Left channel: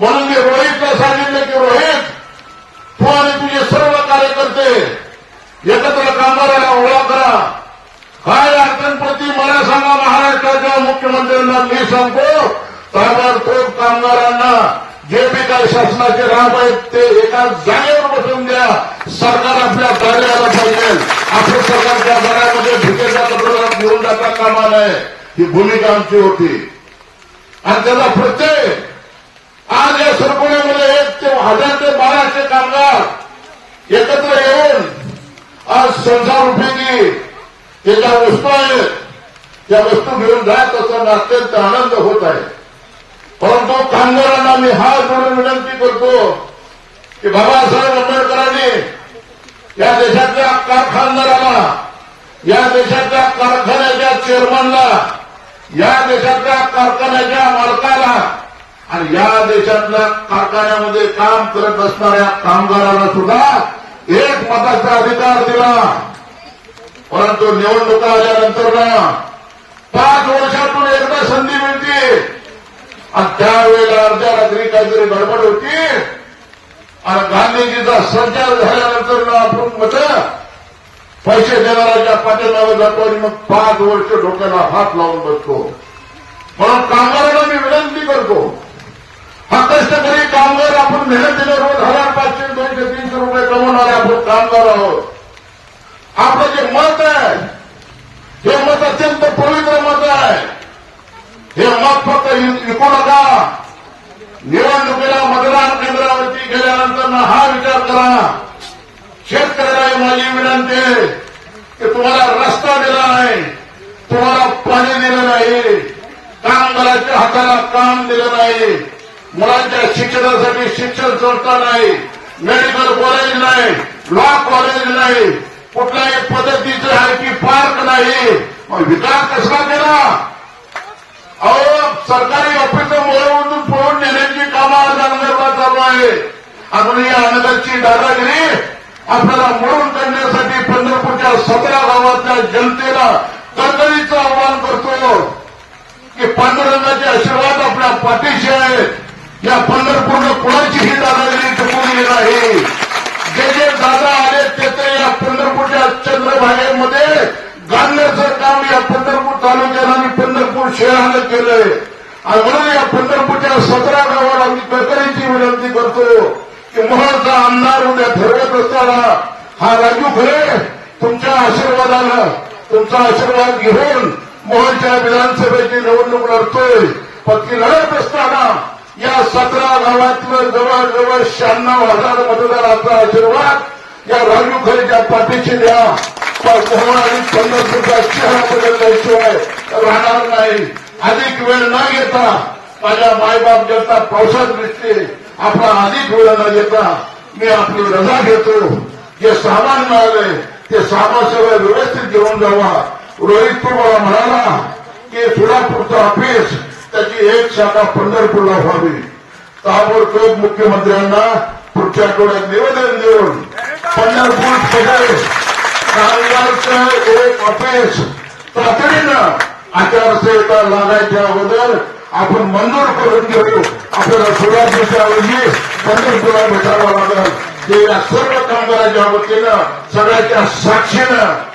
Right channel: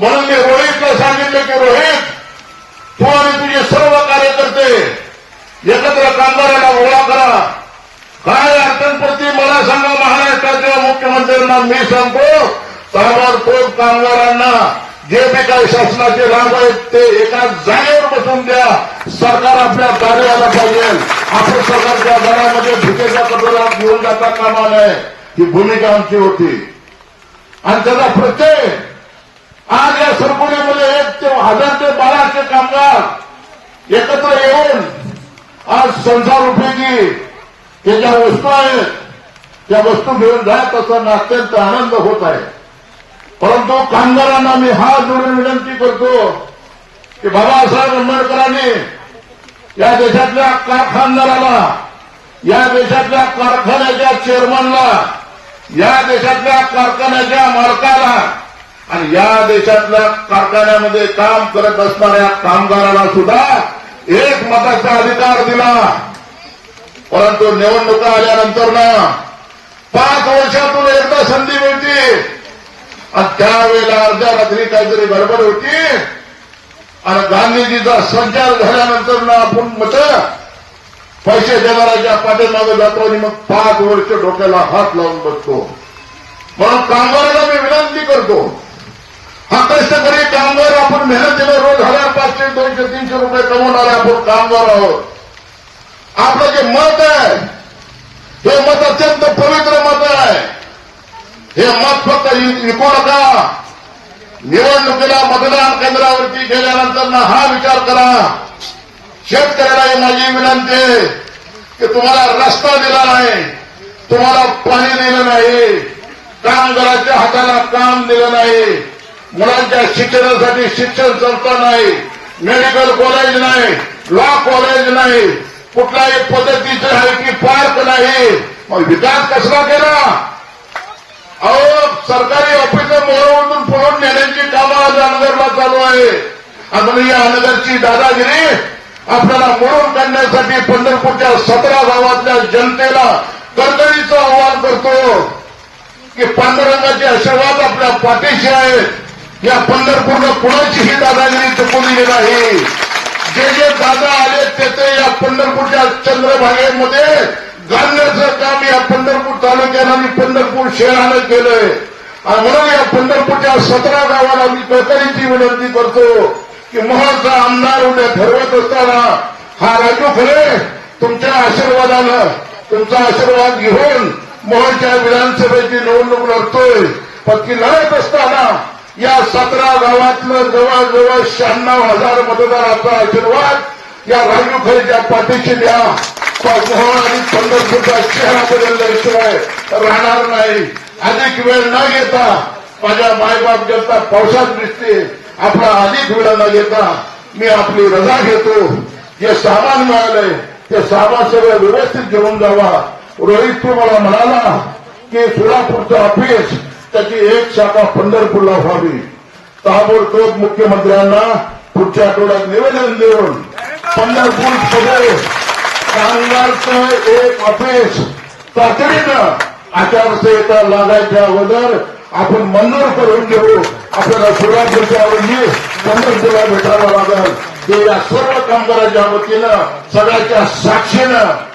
म्हणून मी रोहितला सांगितलं की रोहित तू आणि तुझे सर्व कार्यकर्ते एकत्र कामगाराला ओळा करा. काय अडचणप्रती मला सांगा महाराष्ट्राच्या मुख्यमंत्र्यांना. मी सांगतो ताबडतोब कामगारांना जे जे काही शासनाचे काम आहेत ते एका जागेवर बसून द्या. सरकार आपल्या कार्याला आलं पाहिजे. आपल्या सरकारच्या घरामध्ये भुकेचा कचरा मिळून जाता कामा नये ही भूमिका आमची होती. आणि त्याचा प्रत्येक आज या एक ते हजार ते बाराशे कामगार एकत्र येऊन आज संसार उपयोगी ते ज्या वस्तू आहेत त्या वस्तू घेऊन जात असताना अत्यंत आनंद होत आहे. परंतु कामगारांना मी हात जोडून विनंती करतो की बाबासाहेब आंबेडकरांनी या देशातल्या कारखानदाराला या देशातल्या कारखान्याच्या चेअरमनला या देशातल्या कारखान्याच्या मालकाला आणि या देशातल्या कारखान्यामध्ये काम करत असणाऱ्या कामगाराला सुद्धा एक मताचा अधिकार दिला. परंतु निवडणुका आल्यानंतर ना पाच वर्षातून एकदा संधी मिळते. आणि त्यावेळेला अर्ध्या रात्री काहीतरी गडबड होती. आणि गांधीजीचा संचार झाल्यानंतर ना आपण मत पैसे देणाऱ्याच्या पाठीमागे जातो आणि मग पाच वर्ष डोक्याला हात लावून बसतो. म्हणून कामगाराला मी विनंती करतो हा कष्टकरी कामगार आपण मेहनतीने रोज हजार पाचशे दोनशे तीनशे रुपये कमवणारा आपण कामगार आहोत. आपलं जे मत आहे हे मत अत्यंत पवित्र मत आहे. हे मत फक्त विकू नका निवडणुकीला मतदान केंद्रावरती गेल्यानंतर ना हा विचार करा. शेतकऱ्याला माझी विनंती की तुम्हाला रस्ता दिला नाही तुम्हाला पाणी दिलं नाही कामगाराच्या हाताला काम दिलं नाही. मुलांच्या शिक्षणासाठी शिक्षण संस्था नाही मेडिकल कॉलेज नाही लॉ कॉलेज नाही. कुठल्याही पद्धतीचे आय टी पार्क नाही. मग विकास कसला केला? अहो सरकारी ऑफिस मोरवून पळून नेण्याची कामं आज चालू आहे. अजून या आनंदाची दादागिरी आपल्याला मोडून काढण्यासाठी पंढरपूरच्या सतरा गावातल्या जनतेला कणकणीचं आवाहन करतो. की पांडुरंगाचे आशीर्वाद आपल्या पाठीशी आहेत. या पंढरपूरनं कुणाचीही दादागिरी चुकवलेली नाही जे जे दादा आले ते ते या पंढरपूरच्या चंद्रभागेमध्ये घालण्याचं काम या पंढरपूर तालुक्यानं आणि पंढरपूर शहरानं केलंय. आणि म्हणून या पंढरपूरच्या सतरा गावाला मी कळकळीची विनंती करतो की मोहनचा आमदार उद्या ठरवत असताना हा राजू खरे तुमच्या आशीर्वादानं तुमचा आशीर्वाद घेऊन मोहनच्या विधानसभेची निवडणूक लढतोय. पत्नी लढत असताना या सतरा गावातलं जवळजवळ शहाण्णव हजार मतदाराचा आशीर्वाद या राजू खरीच्या पाठीशी द्या. आणि बदलल्याशिवाय राहणार नाही. अधिक वेळ न घेता माझ्या मायबाप घेता पावसात दिसते आपला अधिक वेळ न घेता मी आपली रजा घेतो. जे सामान मिळालंय ते सामान सगळं व्यवस्थित घेऊन जावा. रोहित तुम्हाला मला म्हणाला की सोलापूरचं ऑफिस त्याची एक शाखा पंढरपूरला व्हावी. ताबडतोब मुख्यमंत्र्यांना पुढच्या आठवड्यात निवेदन देऊन पंढरपूर सगळे कामगारचं एक ऑफिस तातडीनं आचारसंहिता लागायच्या अगोदर आपण मंजूर करून घेऊ. आपल्याला सुरुवातीच्या आधी पंढरपूरला भेटायला लागेल. ते या सर्व कामगारांच्या वतीनं सगळ्याच्या साक्षीनं